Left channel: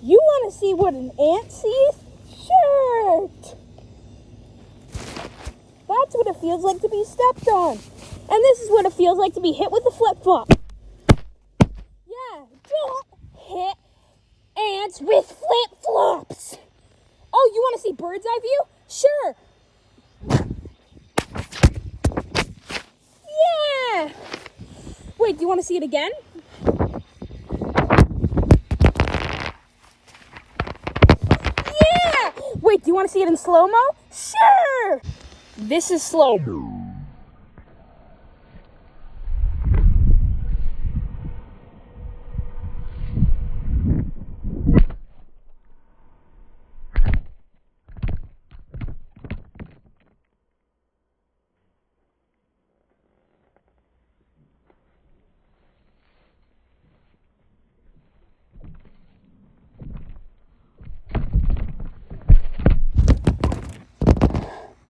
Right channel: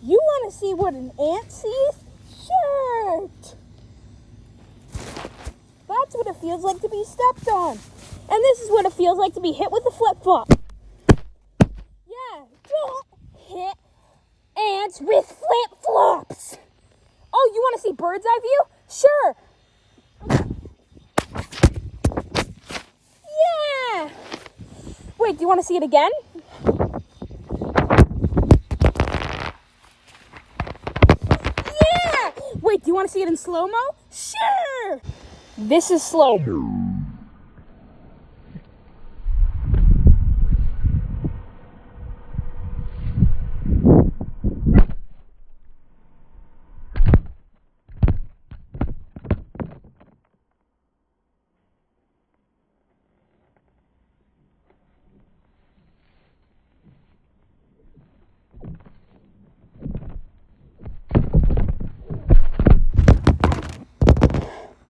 You want to see what an ant sees? Sure. That's what it feels like to be stepped on. And this is what it feels like to be hit with a flip-flop. Yeah, don't hit ants with flip-flops. Oh, you want to see bird's eye view? Sure. Yeah. Wait, do you want to see it again? Yeah. Wait, do you want to see it in slow-mo? Sure. This is slow.